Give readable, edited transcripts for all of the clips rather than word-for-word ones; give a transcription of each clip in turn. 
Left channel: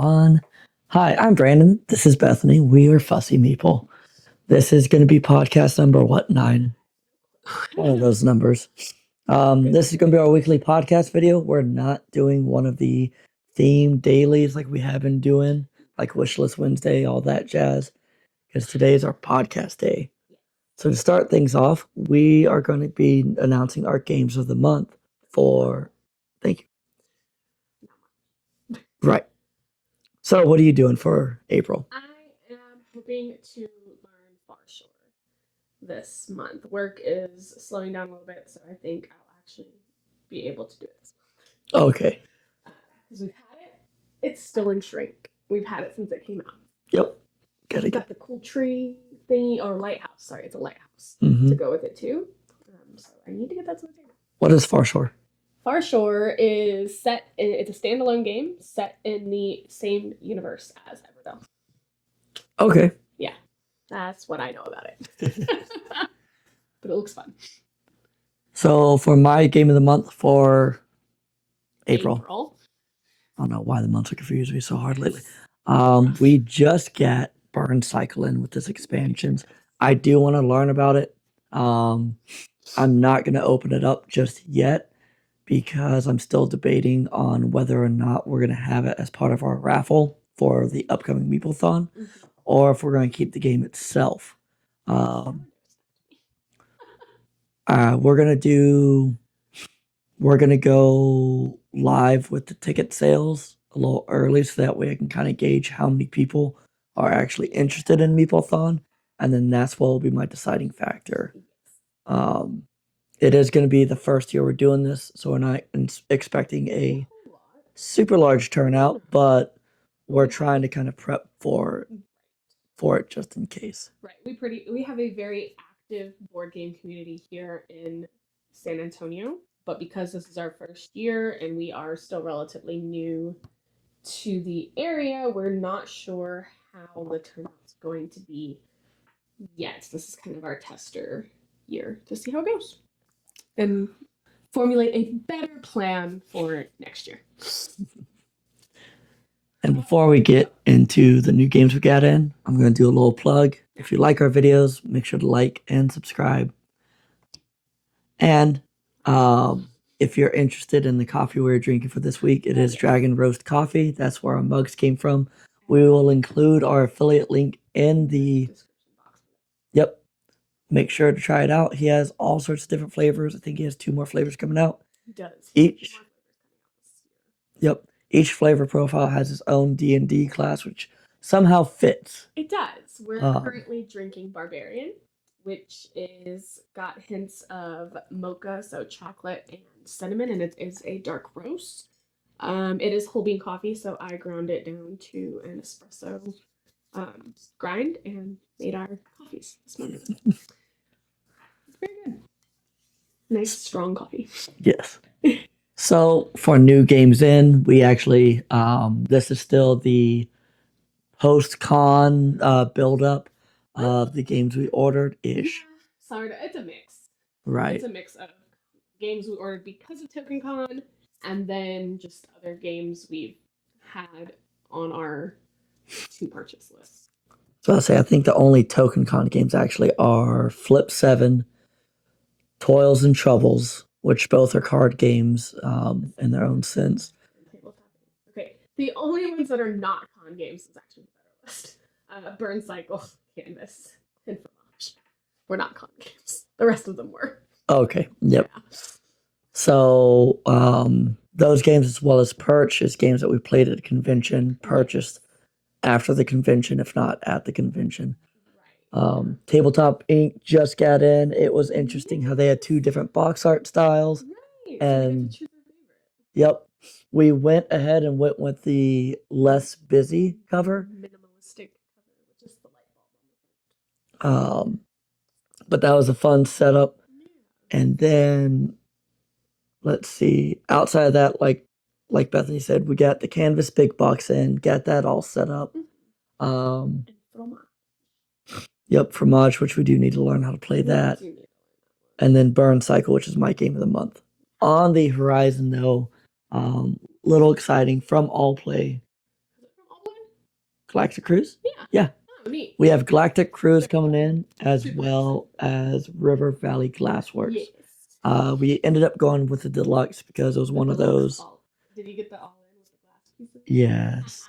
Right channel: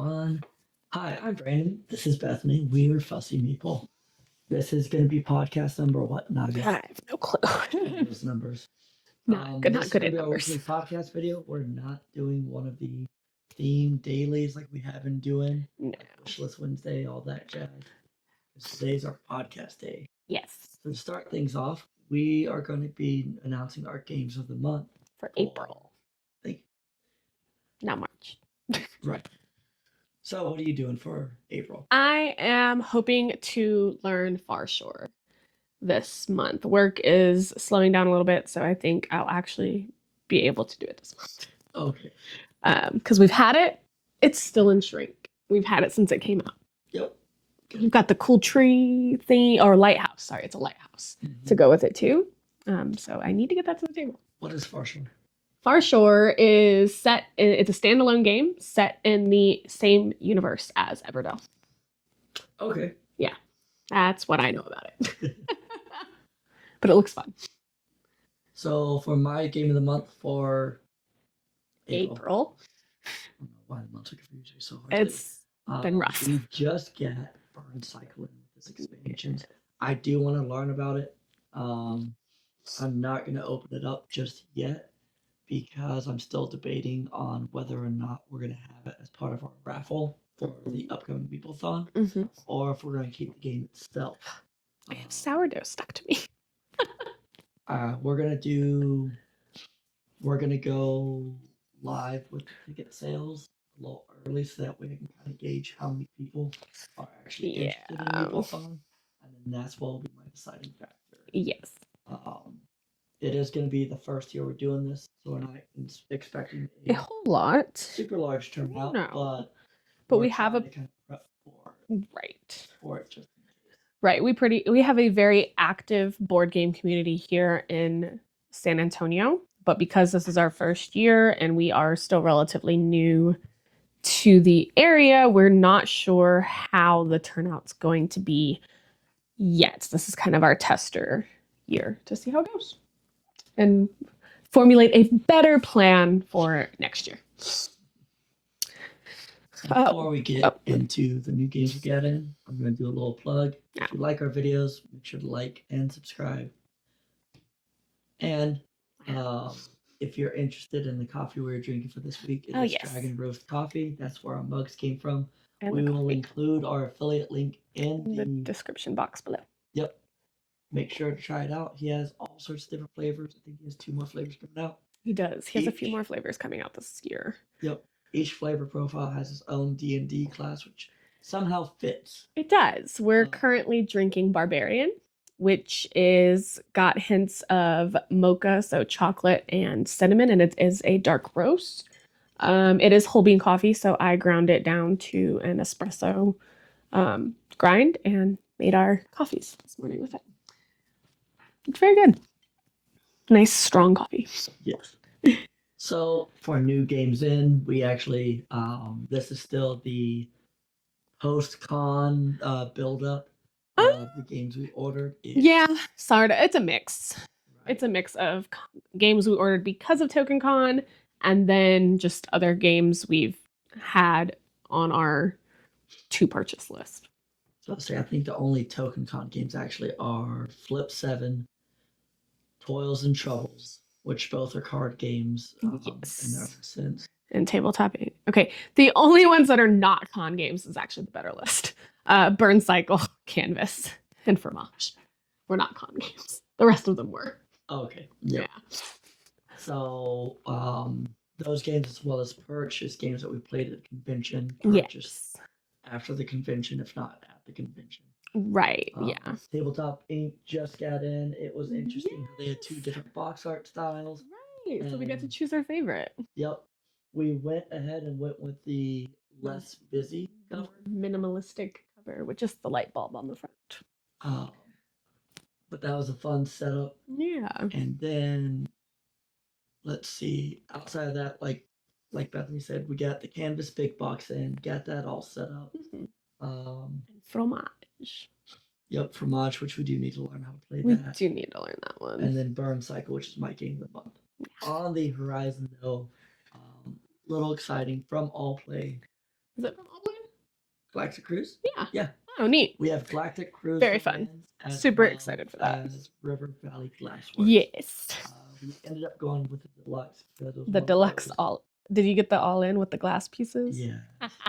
1. Hi, I'm Brandon. This is Bethany. We are Fussy Meeple. This is going to be podcast number what, 9? I have no clue. One of those numbers. This is going to be our weekly podcast video. We're not doing one of the theme dailies like we have been doing, like Wishlist Wednesday, all that jazz, because today is our podcast day. Yes. So to start things off, we are going to be announcing our games of the month for thank you. Not much. Right. So what are you doing for April? I am hoping to learn Far Shore this month. Work is slowing down a little bit, so I think I'll actually be able to do it this month. Okay. Because we've had it. It's still in shrink. We've had it since it came out. Yep. We've got the cool tree thing, or lighthouse. Sorry, it's a lighthouse to go with it too. So I need to get that to the table. What is Far Shore? Far Shore is set. It's a standalone game set in the same universe as Everdell. Okay. Yeah, that's what I know about it. But it looks fun. So for my game of the month for April. I don't know why the months are confusing me so hard lately. We just got Burn Cycle in with this expansions. I do want to learn about it. I'm not going to open it up just yet because I'm still debating on whether or not we're going to have it as part of our raffle for the upcoming Meeplethon, or if we're going to keep the game itself. Sourdough stuck to me. We're going to go live with the ticket sales a little early so that way I can kind of gauge how many people are actually interested in Meeplethon, and then that's what will be my deciding factor. Yes. It is going to be the first year we're doing this, so we're not expecting a whole lot, super large turnout, but we're trying to kind of prep for it just in case. Right. We have a very active board game community here in San Antonio, but because this is our first year and we are still relatively new to the area, we're not sure how the turnout's going to be yet. This is kind of our tester year to see how it goes and formulate a better plan for next year. And before we get into the new games we got in, I'm going to do a little plug. If you like our videos, make sure to like and subscribe. And if you're interested in the coffee we're drinking for this week, it is Dragon Roast Coffee. That's where our mugs came from. And we will include our affiliate link in the description box below. Yep. Make sure to try it out. He has all sorts of different flavors. I think he has 2 more flavors coming out. He does. He has a few more flavors coming out this year. Yep. Each flavor profile has its own D&D class, which somehow fits. It does. We're currently drinking Barbarian, which is got hints of mocha, so chocolate and cinnamon, and it is a dark roast. It is whole bean coffee, so I ground it down to an espresso grind and made our coffees this morning with it. It's very good. Nice, strong coffee. Yes. So for new games in, we actually, this is still the post-con build-up of the games we ordered. Yeah, sorry. It's a mix. Right. It's a mix of games we ordered because of TokenCon and then just other games we've had on our to-purchase list. So I'll say I think the only TokenCon games actually are Flip 7, Toils and Troubles, which both are card games in their own sense. And tabletop. Okay, the only ones that are not con games is actually the better list. Burn Cycle, Canvas, and Fromage. We're not con games. The rest of them were. Okay, yep. Yeah. So those games as well as Perch is games that we played at a convention, purchased after the convention, if not at the convention. Right. Tabletop Inc. just got in. It was interesting how they had 2 different box art styles. Right. And so we get to choose our favorite. Yep. We went ahead and went with the less busy cover. Minimalistic cover with just the light bulb on the front. But that was a fun setup. Yeah. And then let's see. Outside of that, like Bethany said, we got the Canvas big box in, got that all set up. And Fromage. Yep, Fromage, which we do need to learn how to play that. We do need to learn that one. And then Burn Cycle, which is my game of the month. On the horizon, though, little exciting from All Play. Is it from All Galactic Cruise? Yeah. Yeah. Oh, neat. We have Galactic Cruise Very coming fun. in as Super well excited for that. as River Valley Glassworks. Yes. We ended up going with the deluxe because it was The one deluxe of those. all. Did you get the all in with the glass pieces? Yes.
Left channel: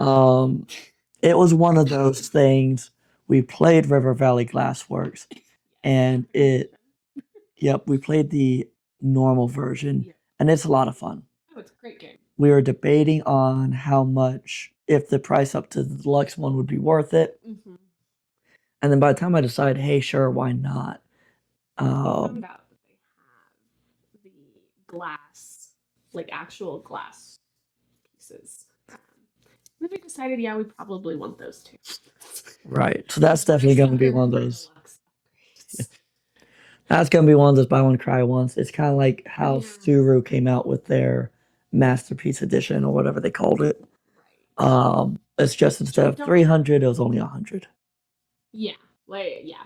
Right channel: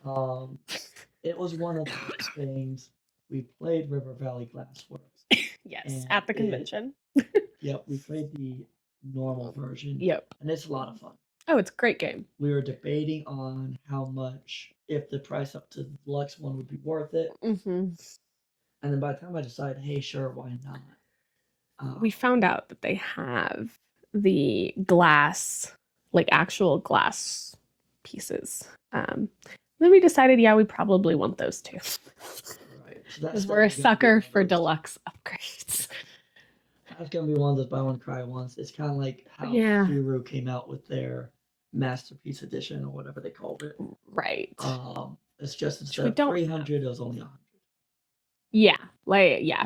It was one of those things. We played River Valley Glassworks. Yes, and at the convention. Yep, we played the normal version. Yep. And it's a lot of fun. Oh, it's a great game. We were debating on how much, if the price up to the deluxe one would be worth it. Mm-hmm. And then by the time I decided, hey, sure, why not? We found out that they have the glass, like actual glass pieces. Then we decided, yeah, we probably want those too. Right. So that's 'Cause we're a definitely going to be sucker one of for those. deluxe upgrades. That's going to be one of those buy one, cry once. It's kind of like how Yeah. Suru came out with their Masterpiece Edition or whatever they called it. Right. It's just instead of 300, it was only 100. Yeah.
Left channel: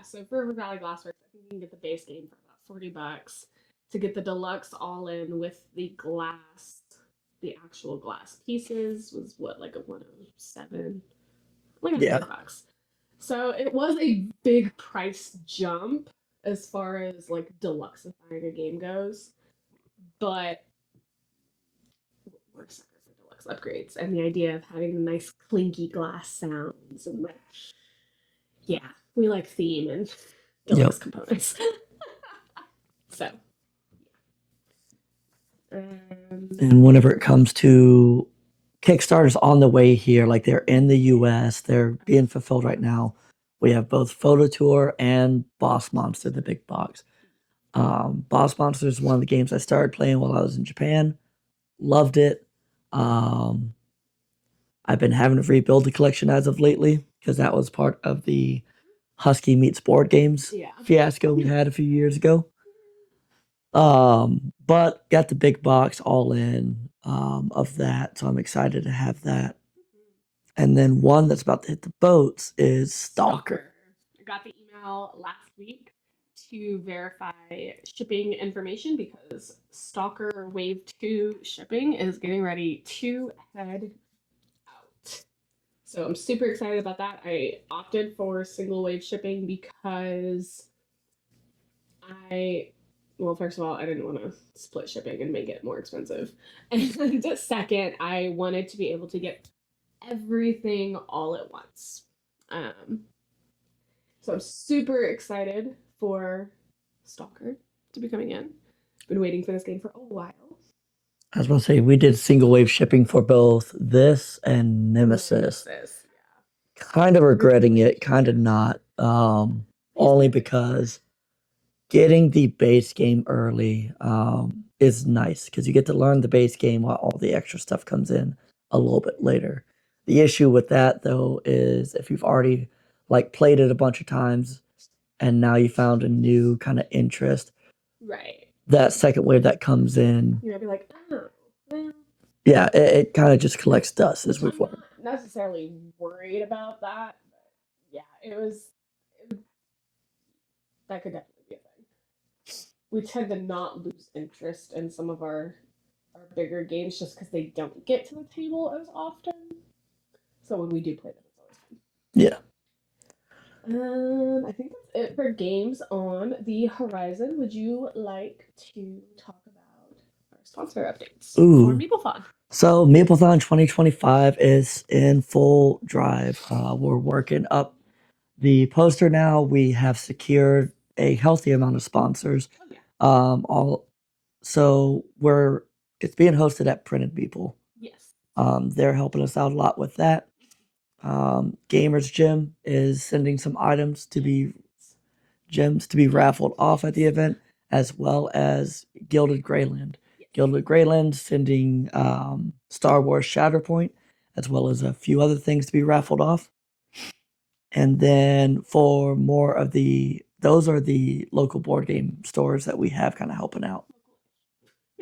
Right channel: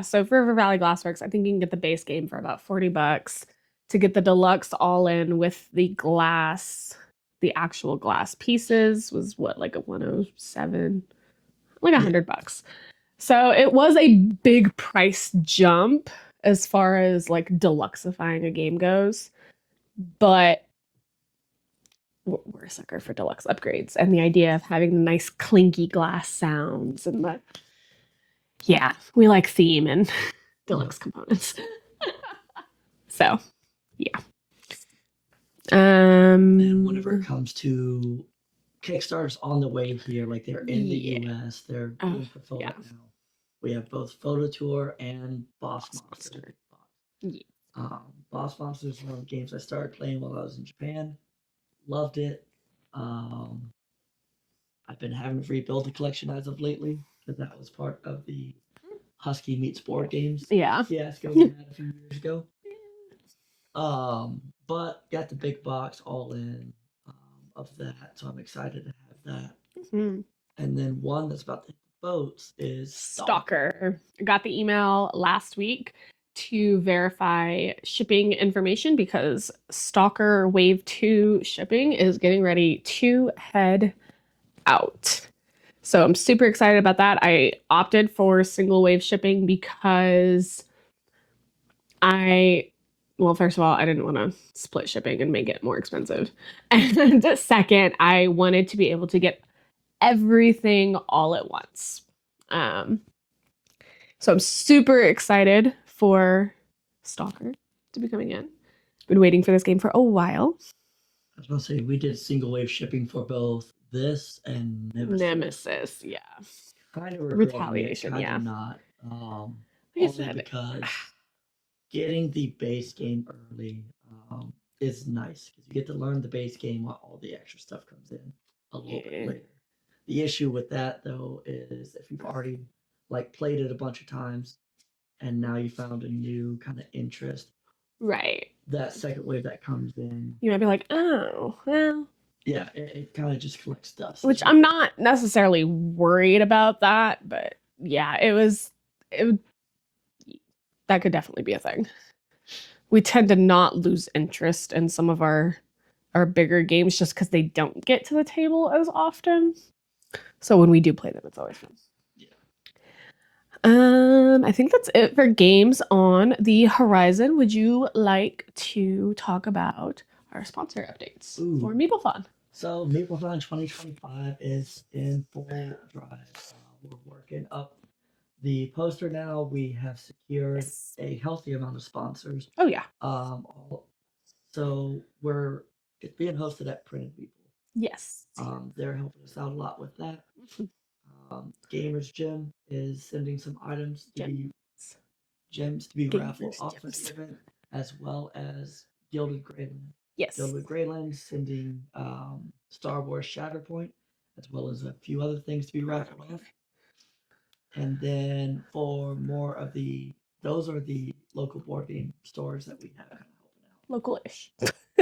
So for River Valley Glassworks, I think you can get the base game for about $40. To get the deluxe all in with the glass, the actual glass pieces was what, like a 107, like $100. So it was a big price jump as far as like deluxifying a game goes, but we're a sucker for deluxe upgrades and the idea of having the nice clinky glass sounds and we like theme and deluxe components. So yeah. And whenever it comes to Kickstarters on the way here, like they're in the US, they're being fulfilled right now. We have both Photo Tour and Boss Monster, the big box. Yeah. Boss Monster is one of the games I started playing while I was in Japan. Loved it. I've been having to rebuild the collection as of lately because that was part of the Husky Meets Board Games fiasco we had a few years ago. But got the big box all in of that, so I'm excited to have that. Mm-hmm. And then one that's about to hit the boats is Stalker. I got the email last week to verify shipping information because Stalker Wave 2 shipping is getting ready to head out. So I'm super excited about that. I opted for single wave shipping because first of all, I didn't want to split shipping and make it more expensive. And second, I wanted to be able to get everything all at once. So I'm super excited for Stalker to be coming in. Been waiting for this game for a while. I was going to say, we did single wave shipping for both this and Nemesis. Yeah. Kind of regretting it, kind of not. Only because getting the base game early is nice because you get to learn the base game while all the extra stuff comes in a little bit later. The issue with that, though, is if you've already played it a bunch of times and now you found a new kind of interest. Right. That second wave that comes in, you might be like, oh, well. Yeah, it kind of just collects dust. Which I'm not necessarily worried about that, but yeah, that could definitely be a thing. We tend to not lose interest in some of our bigger games just because they don't get to the table as often. So when we do play them, it's always fun. Yeah. I think that's it for games on the horizon. Would you like to talk about our sponsor updates for Meeplethon? So Meeplethon 2025 is in full drive. We're working up the poster now. We have secured a healthy amount of sponsors. Oh yeah. It's being hosted at Printed People. Yes. They're helping us out a lot with that. Gamers Gym is sending some items to be raffled off at the event, as well as Gilded Greyland. Yes. Gilded Greyland sending Star Wars Shatterpoint, as well as a few other things to be raffled off. And then for more of those are the local board game stores that we have kind of helping out. Local-ish.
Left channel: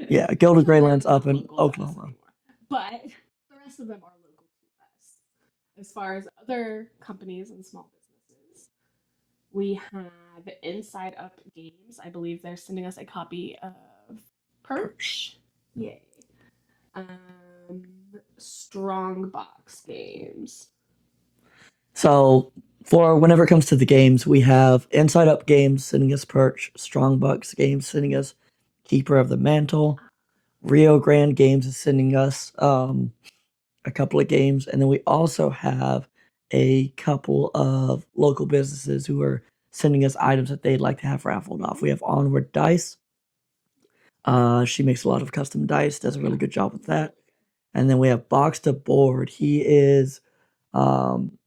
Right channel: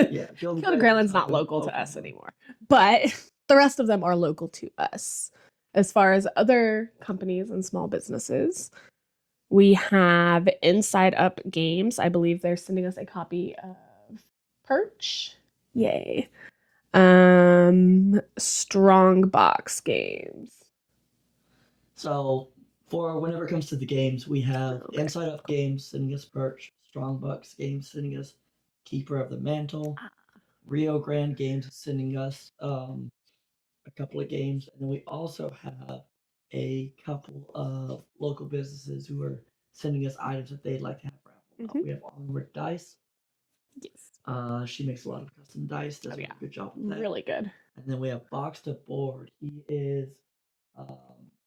Yeah, Gilded Greyland's not local to us anymore. But the rest of them are local to us. As far as other companies and small businesses, we have Inside Up Games. I believe they're sending us a copy of Perch. Yay. Strongbox games. So for whenever it comes to the games, we have Inside Up Games sending us Perch, Strongbox Games sending us Keeper of the Mantle, Rio Grande Games is sending us a couple of games, and then we also have a couple of local businesses who are sending us items that they'd like to have raffled off. We have Onward Dice. Yes. She makes a lot of custom dice, does a really good job with that. Really good. And then we have Box to Board. He is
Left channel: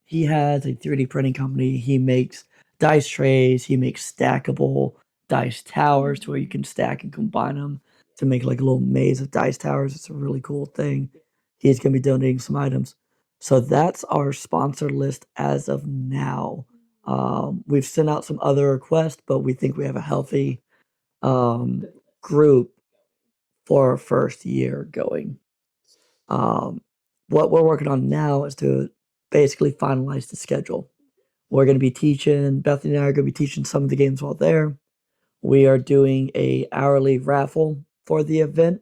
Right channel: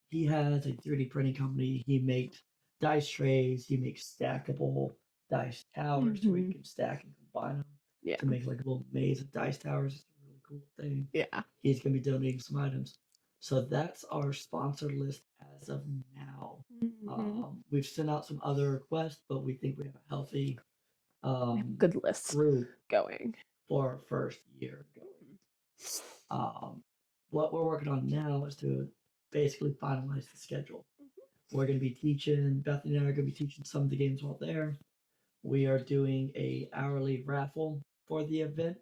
he has a 3D printing company. He makes dice trays, he makes stackable dice towers to where you can stack and combine them to make like a little maze of dice towers. It's a really cool thing. Yeah. He's going to be donating some items. So that's our sponsor list as of now. We've sent out some other requests, but we think we have a healthy good list group going for our first year going. What we're working on now is to basically finalize the schedule. We're going to be teaching, Bethany and I are going to be teaching some of the games while there. We are doing a hourly raffle for the event.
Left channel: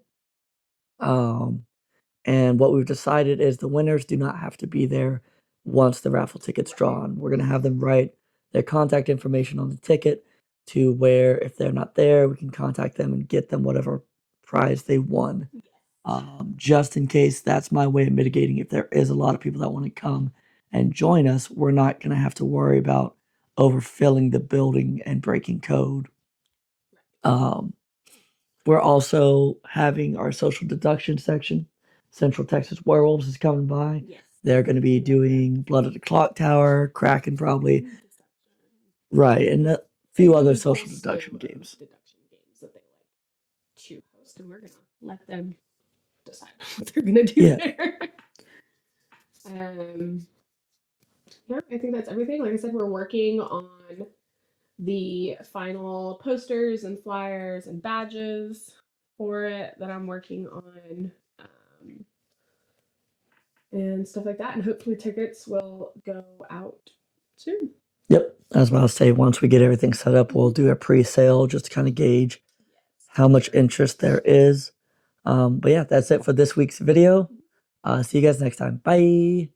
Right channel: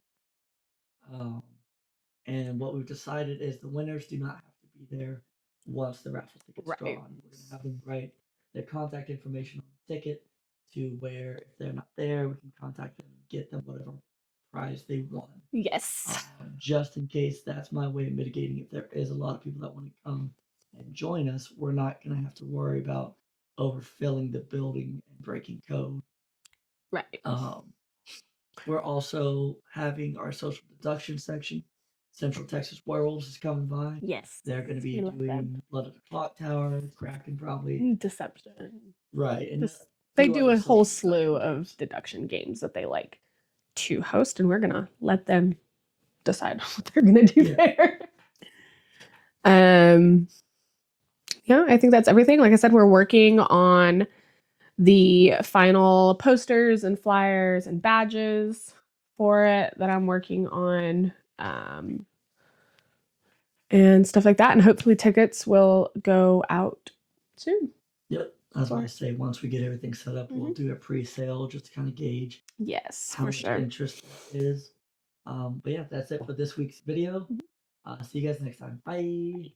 And what we've decided is the winners do not have to be there once the raffle ticket's drawn. We're going to have them write their contact information on the ticket to where if they're not there, we can contact them and get them whatever prize they won. Yes. Just in case, that's my way of mitigating. If there is a lot of people that want to come and join us, we're not going to have to worry about overfilling the building and breaking code. Right. We're also having our social deduction section. Central Texas Werewolves is coming by. Yes. They're going to be doing Blood of the Clock Tower, Kraken probably. Deception. Right. And a They few do other a whole social slew deduction of games. deduction games that they like to host, and we're gonna let them decide what they're gonna do there. Yeah, I think that's everything. Like I said, we're working on the final posters and flyers and badges for it that I'm working on, and stuff like that. And hopefully tickets will go out soon. Yep. I was about to say, once we get everything set up, we'll do a pre-sale just to kind of gauge how much interest there is. But yeah, that's it for this week's video. See you guys next time. Bye.